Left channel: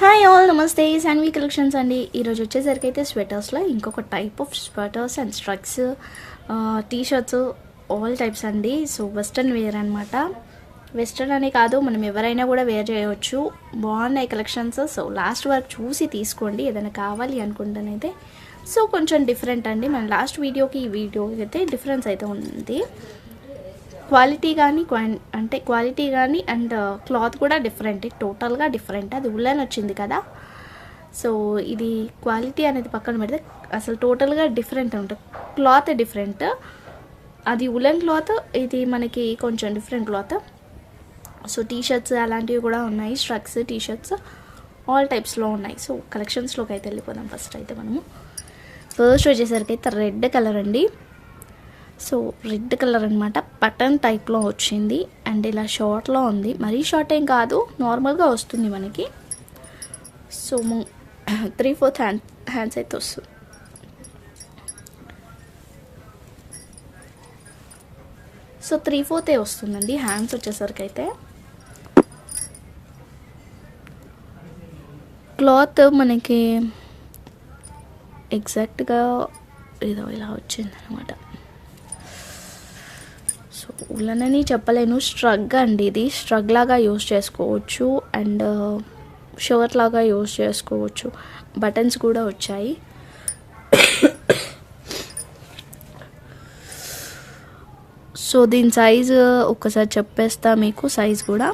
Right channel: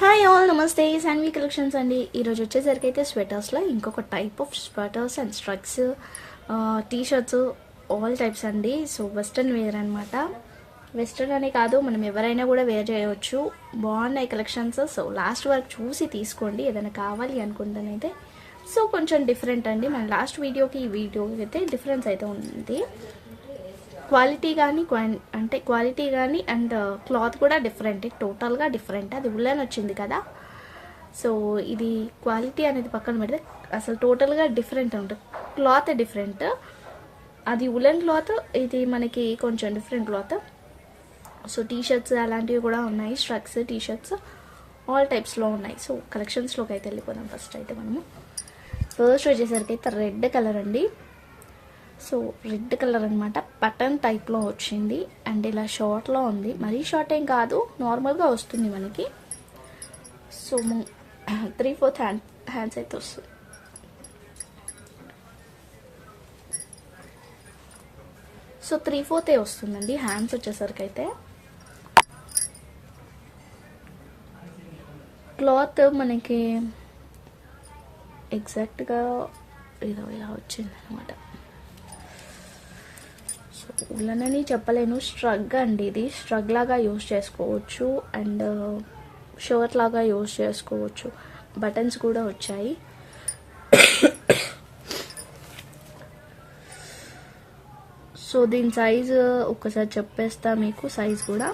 Hi all, నమస్తే. Shanvi collections అండి. ఈరోజు వచ్చేసరికి అయితే స్వెటర్స్లో ఇంకొక టైప్ ఆఫ్ స్వెటర్స్ అండ్ స్ట్రక్స్, టీషర్ట్స్, ఆల్ టైప్స్ అండి. సో వెస్ట్రన్ వేర్ అనమాట. వెస్ట్రన్ అనే కాదు, మనం ఎవరైనా కూడా వేర్ చేయవచ్చు. బాగున్నాయి కలెక్షన్స్. సో లాస్ట్ వరకు చూసి తీసుకోండి ఏదైనా కావాలి అనుకుంటానైతే. సో కొంచెం డిఫరెంట్ అండి, మన లాస్ట్ వీడియోకి ఈ వీడియోకి అయితే డిఫరెన్స్ అయితే ఉంది. క్వాలిటీ కానీ అండ్ క్లాత్ కూడా డిఫరెంట్, టోటల్గా డిఫరెంట్. అది ఉల్లెన్ వచ్చింది కదా, సో ఇది క్వాలిటీ అనేది పక్కన పెడితే అసలు టోటల్గా డిఫరెంట్ ఉంటుంది. క్లాత్ డిఫరెంట్, అది ఉల్లెన్ క్లాత్, ఇది మనకి కొంచెం డిఫరెంట్ క్లాత్. సో టీషర్ట్స్ అలాంటివి కూడా ఉన్నాయి, స్ట్రక్స్, టీషర్ట్స్ ఆల్ టైప్స్లో ఉన్నాయి. సో కలెక్షన్స్లోకి అయితే వెళ్ళిపోదాం. ఫస్ట్ వచ్చేసరికి అయితే రెడ్ కలర్ అండి. సో రెడ్ కలర్ అనమాట, బటన్ టైప్లో వచ్చింది అండ్ ఇలా షార్ట్లో ఉంది. మరీ షార్ట్ ఏం కాదు, నార్మల్గా వస్తుంది మనకి. సో 3/4 హ్యాండ్స్ అయితే వస్తుంది. సో 3/4 వస్తుందండి హ్యాండ్స్ వచ్చేసరికి అయితే. క్లాత్ మనకి ఎగ్జాక్ట్గా ఏదో ఇలా వచ్చింది అనమాట. సో ఉల్లెన్ అని చెప్పలేను, స్ట్రగ్ అండి. ఇది స్ట్రగ్ లాగా యూజ్ చేసుకోవచ్చు అండ్ షర్ట్ లాగా యూజ్ చేసుకోవచ్చు. బటన్స్ కూడా వచ్చాయి. సో దీని సైజు ఒక్కసారి చెప్పేస్తా మీకు, సైజ్ కూడా.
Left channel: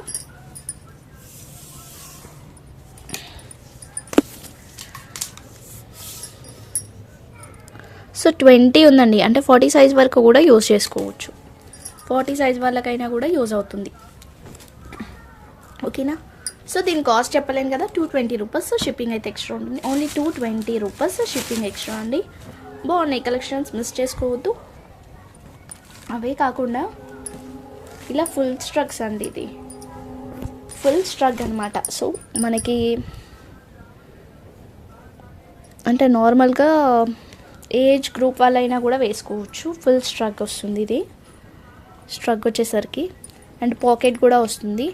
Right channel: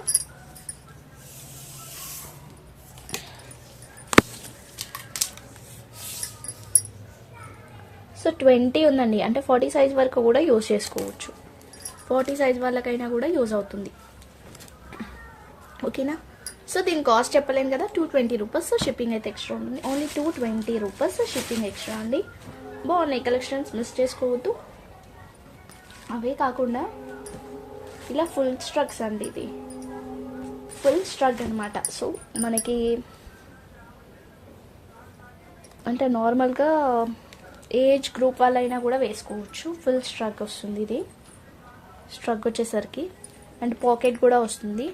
సో 20 ఉందండి, అంటే 40 సైజ్ వరకు కూడా యూజ్ చేసుకోవచ్చు. 40 సైజ్ వాళ్ళకైనా కూడా యూజ్ అవుతుంది, ఓకేనా. సో దీని కాస్ట్ చెప్పలేను కదా, 220 రూపీస్. షిప్పింగ్ అయితే ఎక్స్ట్రా ఉంటుంది, ఓన్లీ 220 రూపీస్ షిప్పింగ్ ఎక్స్ట్రా అండి. బాగున్నాయి కలెక్షన్స్, మిస్ చేసుకోవద్దు. అవే కాకుండా ఇలా ఫుల్ స్ట్రగ్స్ అండి, ఇది ఫుల్ స్ట్రగ్ అనమాట. సో మనకి అంటే నార్మల్గా ఏజ్ గ్రూప్ వాళ్ళైనా కూడా వేసుకోవచ్చు. ఫుల్ స్ట్రగ్ వస్తుంది ఇది, స్ట్రగ్ వచ్చేసరికి. అండ్ పాకెట్ కూడా వస్తుంది.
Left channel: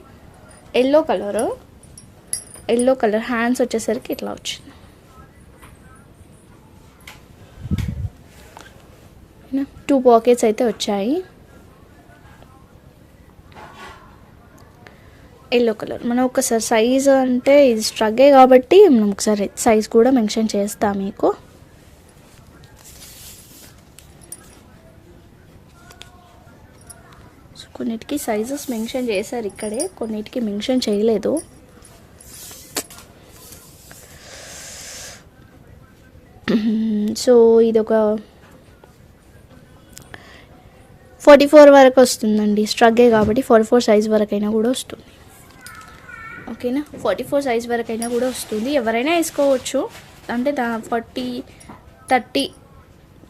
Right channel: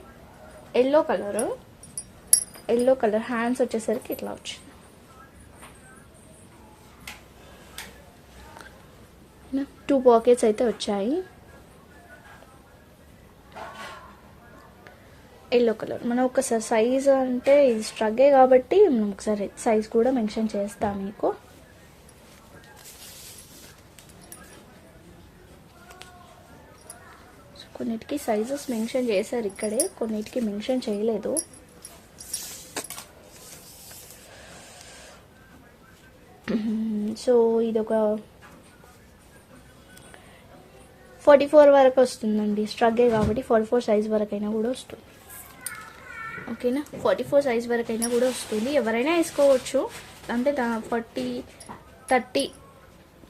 ఎల్లో కలర్ హ్యాండ్స్ వచ్చేసరికి ఇట్లా వచ్చింది. 2 పాకెట్స్ అయితే వచ్చాయి. Yellow colour. మనం ఒకసారి సైజ్, అంటే ఇది స్ట్రగ్గే కాబట్టి మనం ఒకసారి సైజ్ కూడా మెన్షన్ చేస్తాం మీకు. కొన్నిటికి సైజెస్ మెన్షన్ చేశారు ఇక్కడే, కొన్నిటికి మెన్షన్ చేయలేదు. సో ఇది ఒక 44 వరకు వస్తుందండి, స్ట్రగ్గే కాబట్టి 44 సైజ్ వరకైనా కూడా వస్తుంది, ఓకేనా. 44 సైజ్ వరకైనా కూడా వస్తుంది, ఎవరైనా వేసుకోవచ్చు. అంటే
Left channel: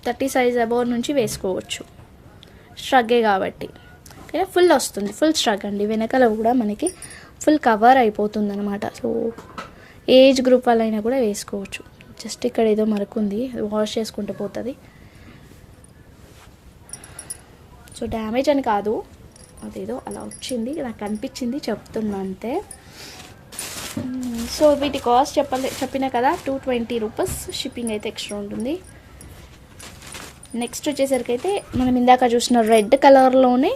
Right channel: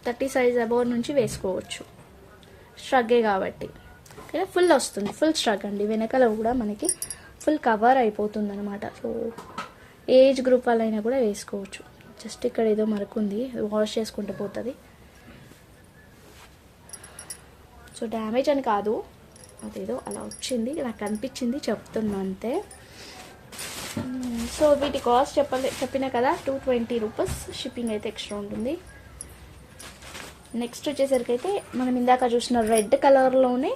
30 సైజ్ అబౌవ్ నుంచి వేసుకోవచ్చు, స్ట్రగ్గే కాబట్టి. ఫుల్ వస్తుంది, ఫుల్ స్ట్రగ్ అండి. వెనకాల కూడా మనకి ఫుల్ కవర్ అయిపోతుంది అనమాట. సో ఏజ్ గ్రూప్ వాళ్ళైనా కూడా వేసుకోవచ్చు. జస్ట్ ఇక్కడ ఏదో మరకుంది, వాష్ చేసుకుంటూ పోతుంది. సో డ్యామేజ్ అని కాదు, అదేదో అలా వచ్చింది, నాకు అనిపించింది, చెప్తున్నా అంతే. సో వీటి కాస్ట్ చెప్పినా కదా, 220 రూపీస్. షిప్పింగ్ అయితే ఎక్స్ట్రా ఉంటుంది. నెక్స్ట్ వచ్చేసరికి అయితే మనం ఇందాక చూసిన రెడ్ కలర్లోనే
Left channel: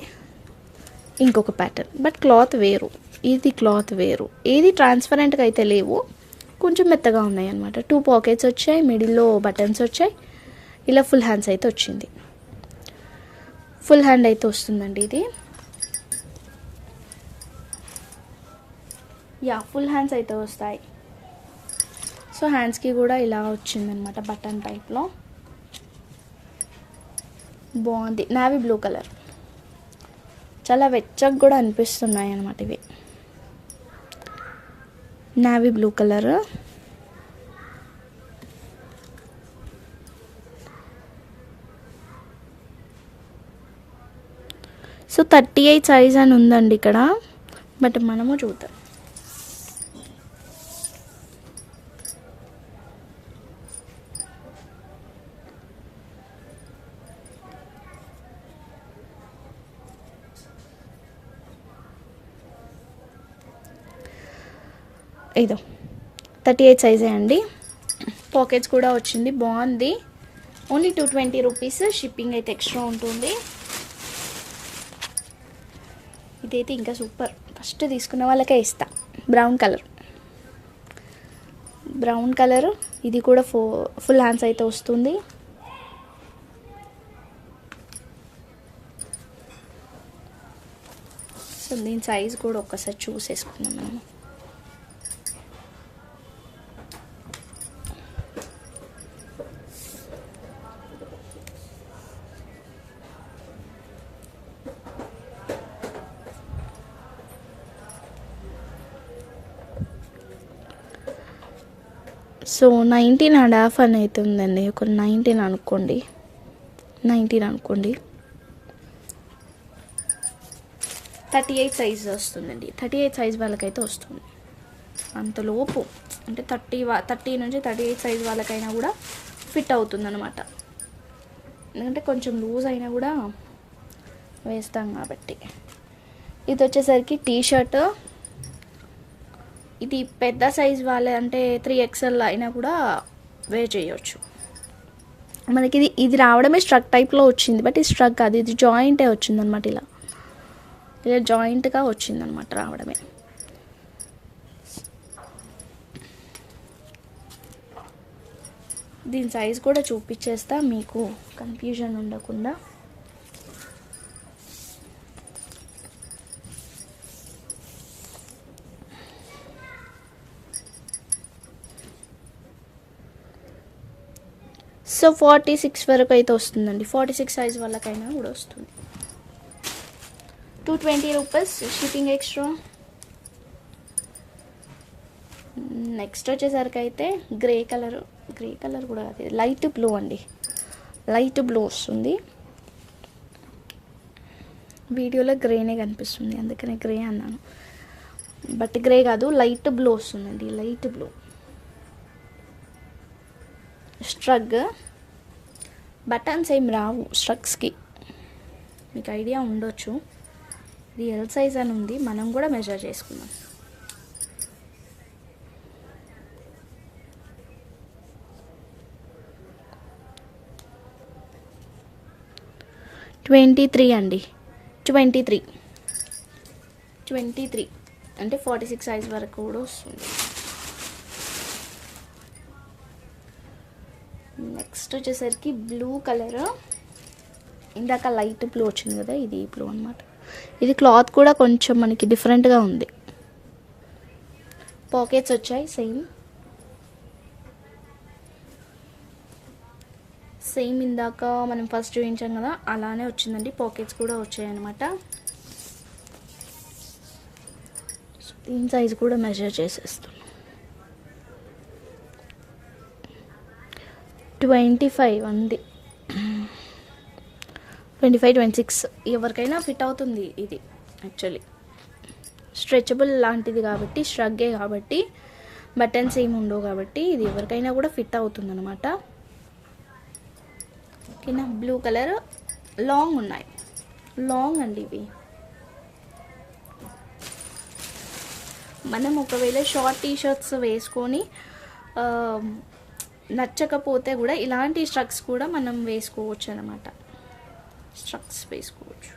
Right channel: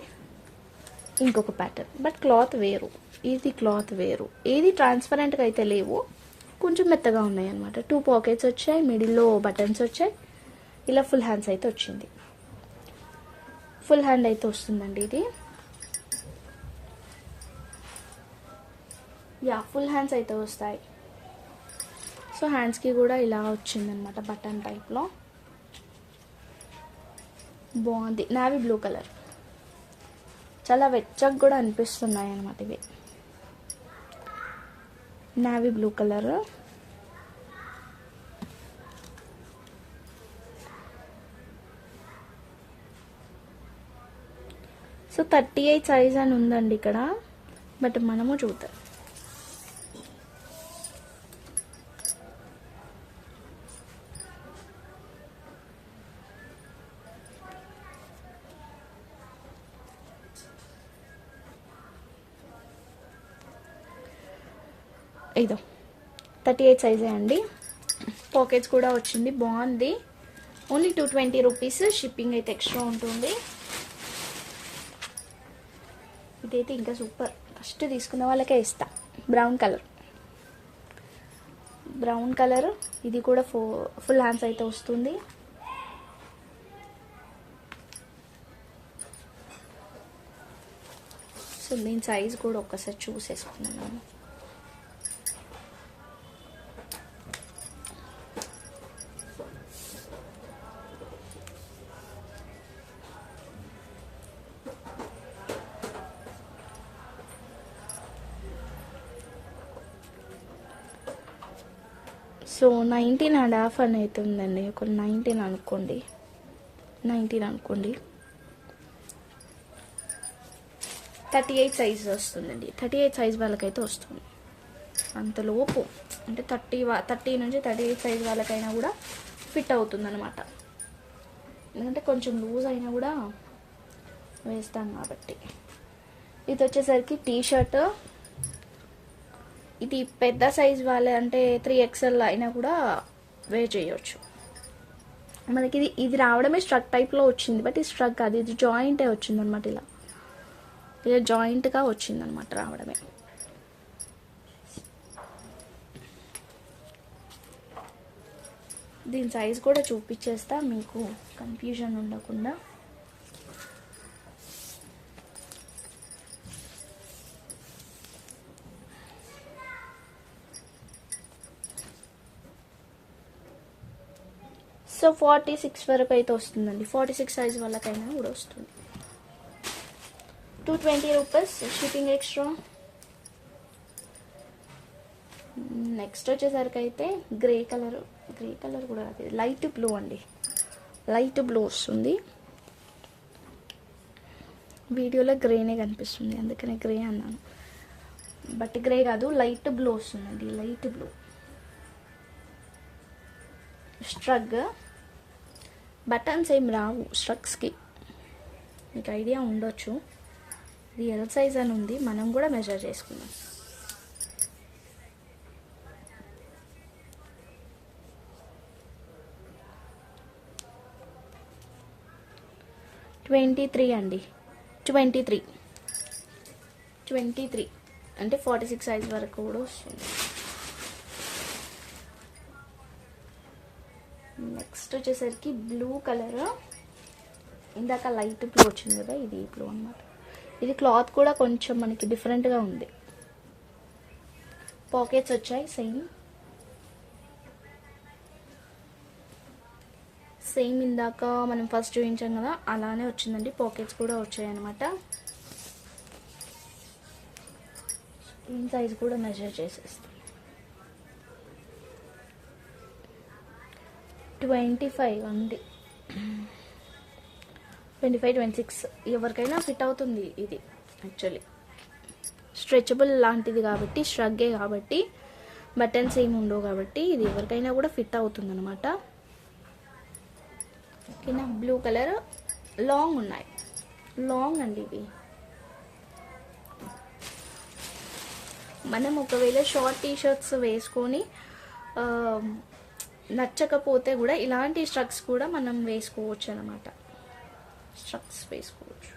ఇంకొక ప్యాటర్న్, బట్ క్లాత్ వేరు, ఇది క్లాత్ వేరు. ఏది ట్రాన్స్పరెంట్గా అయితే లేవు, కొంచెం మెత్తగా ఉన్నాయి అనమాట. 2 పాకెట్స్ వచ్చాయి, మిడిల్లో బటన్స్ వచ్చాయి. ఇలా ఫుల్ హ్యాండ్స్ అయితే వచ్చింది, ఫుల్ హ్యాండ్ అయితే వస్తుందండి ఇది. ఫుల్ హ్యాండ్స్ అయితే వస్తాయి. సో హ్యాండ్స్కి కూడా ఇలా వచ్చిందనమాట, బటన్ టైప్లో. బాగుంది, నావీ బ్లూ కలర్. చాలా వెచ్చగా కూడా అనిపిస్తున్నాయి అన్నమాట ఇవి. Navy blue colour. So 38 size అని ఉందండి ఇక్కడ, బట్ మనము చూద్దాం. ఇదో 38 సైజే అండి. పాకెట్స్ కూడా వచ్చింది, బాగుంది. Only 220 rupees. షిప్పింగ్ అయితే ఎక్స్ట్రా ఉంటుంది. ఇదైతే ఇంకా సూపర్. ఫస్ట్ తీసుకున్న వాళ్ళకే ఇస్తా. బ్రౌన్ కలర్, ఇది కూడా ఫుల్ హ్యాండ్స్ అయితే వస్తుంది. సో దీని సైజ్ కూడా ఒక్కసారి చూసేసుకున్నాను. సో 19.5 అని అయితే ఉందండి. ఒక 19 అనుకోండి. 38 సైజ్ వస్తుందండి. 38 సైజ్ వాళ్ళకైతే వస్తుంది. అంతలోపు అంటే 30 నుంచి 38 సైజ్ వాళ్ళకైనా కూడా ఫిట్ అవుతుంది అనమాట. ఎందుకంటే కొంచెం లూజ్ అయినా కూడా వేస్తాం కాబట్టి. ఇది వచ్చేసరికి టీ షర్ట్. ఇది పెద్ద సైజ్ వాళ్ళే అంటే 3XL అయినా కూడా వేర్ చేయవచ్చు. మనకి ఇది రావడమే స్ట్రక్ టైప్లో వచ్చింది, బట్ ఇది స్ట్రక్ కాదు, ఇది జాయింటే వచ్చిందనమాట. ఇలా జాయింట్గా వచ్చిందనమాట రావడమే. దీని సైజ్ కూడా చూపించేస్తా మీకు కన్ఫ్యూజన్ ఉండకుండా. సో 46 వరకు అయితే వస్తుందండి. 46 సైజ్ వాళ్ళకైనా కూడా వస్తుంది. 220 రూపీస్ షిప్పింగ్ ఎక్స్ట్రా. నెక్స్ట్ వచ్చేసరికి అయితే గ్రే కలర్ కూడా కాదు, లైట్ బ్లూ అండి. లైట్ బ్లూ వస్తుంది. వీడియోలో గ్రేనే కనిపిస్తుంది, అందుకనే గ్రే అన్నాను. బట్ గ్రే కాదు, లైట్ బ్లూ వస్తుందండి. Light blue స్ట్రగ్. బటన్స్ ఏం రావు స్ట్రగ్స్కి, మీకు ఐడియా ఉండొచ్చు. ఇది ఎల్ సైజ్ అని ఉంది, మనం కూడా మెజర్ చేసుకుందాం. ట్వంటీ త్రీ అండి. 23 అంటే 46 సైజ్ వరకు కూడా వస్తుంది. నెక్స్ట్ వచ్చేసరికి బ్లూ కలర్. ఇందాక లైట్ బ్లూ వచ్చింది కదా, ఇది బ్లూ అనమాట. ఇది క్లాత్ కూడా కొంచెం మనకి డిఫరెంట్గా ఉంది. పాకెట్స్ వచ్చాయి సేమ్ ఇందాక మనం ఫస్ట్ చూపించాం కదా అలానే వచ్చిందండి. పాకెట్స్ కూడా వచ్చాయి అనమాట. దీని సైజ్ కూడా మెజర్ చేసేస్తాం. 25 అండి. 25, 26 ఎవరికైనా ఫిట్ అవుతుంది. ఇది యాక్చువల్లీ స్ట్రెచబుల్ లాంటిది కాబట్టి, స్ట్రగ్గే కాబట్టి, బటన్స్ ఏమి ఉండవు కాబట్టి ఇది ఎవరికైనా కూడా ఫిట్ అవుతుంది అనమాట. ఓకేనా. బ్లూ కలర్ లాంగ్ ఉన్నాయి. లాంగ్ అండి ఇవి. మనం ఒకవేళ షార్ట్ టీ షర్ట్స్ వేసుకొని నచ్చకపోతే కూడా ఇలాంటి స్ట్రక్స్ కూడా మనం వేసుకోవచ్చు అనమాట. స్ట్రక్స్ వేసుకోవచ్చు.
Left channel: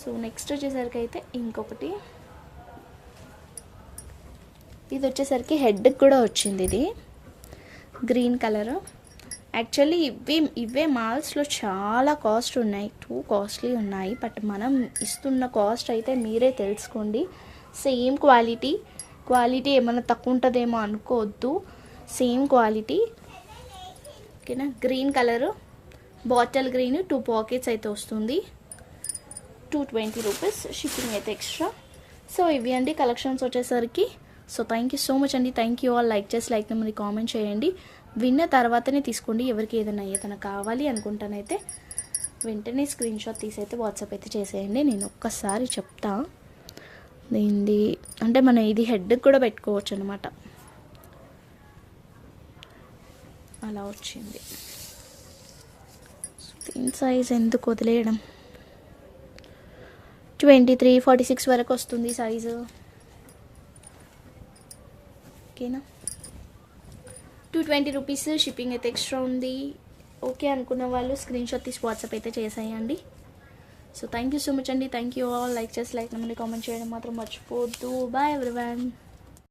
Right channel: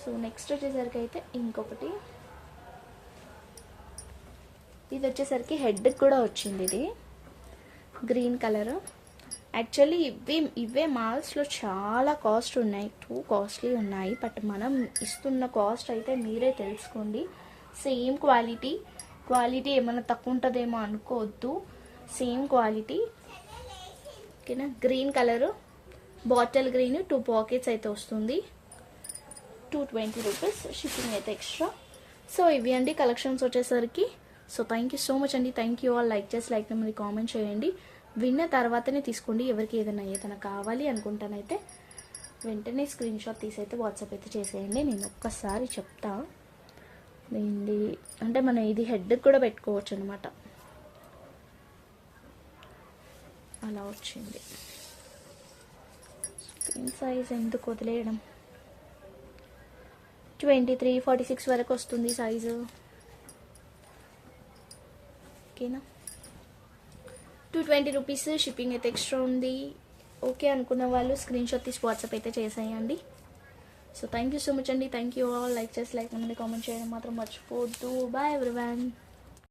సో నెక్స్ట్ వచ్చేసరికి అయితే ఇంకొకటి, ఇది వచ్చేసరికి హెడ్కి కూడా వచ్చింది. ఇది గ్రీన్ కలర్. యాక్చువల్లీ ఇవే మాల్స్లో చాలా కాస్ట్ ఉన్నాయి, టూ కాస్ట్లీ ఉన్నాయి. బట్ మనం ఇస్తున్న కాస్ట్ అయితే మీరే తెలుసుకోండి. సేమ్ క్వాలిటీ ఏమైనా తక్కువ ఉంటుందేమో అనుకోవద్దు, సేమ్ క్వాలిటీ. ఓకేనా. Green colour, bottle green, 2 pockets అయితే వస్తుంది. 220 రూపీస్ షిప్పింగ్ అయితే ఎక్స్ట్రా. సో ఇవి అండి కలెక్షన్స్ వచ్చేసరికి. So thank you so much అండి. Thank you all. లైక్ చేసి లైక్ నెంబర్ని కామెంట్ చేయండి. విన్న తర్వాతనే తీసుకోండి. ఎవరికి ఏదైనా కావాలి అనుకుంటానైతే వెంటనే స్క్రీన్ షాట్ తీసైతే వాట్సాప్ అయితే చేసేయండి. నేను ఒక్కసారి చెప్తా. దీనిది అంటే మనం ఇది హెడ్కి కూడా పెట్టుకోవచ్చు అనమాట. అలా వచ్చింది. దీని సైజ్ ఎందుకు వదిలేయడం. 23, 46 వరకు వస్తుంది సైజు. ఓకేనా. 220 రూపీస్, షిప్పింగ్ అయితే ఎక్స్ట్రా ఉంది. ఓకే అనుకున్న వాళ్ళు స్క్రీన్ షాట్ తీసి వాట్సాప్ అయితే చేసేయండి. So thank you so much అండి. Thank you all. లైక్ చేసి కామెంట్ చేయడం మాత్రం మర్చిపోవద్దు. Bye everyone.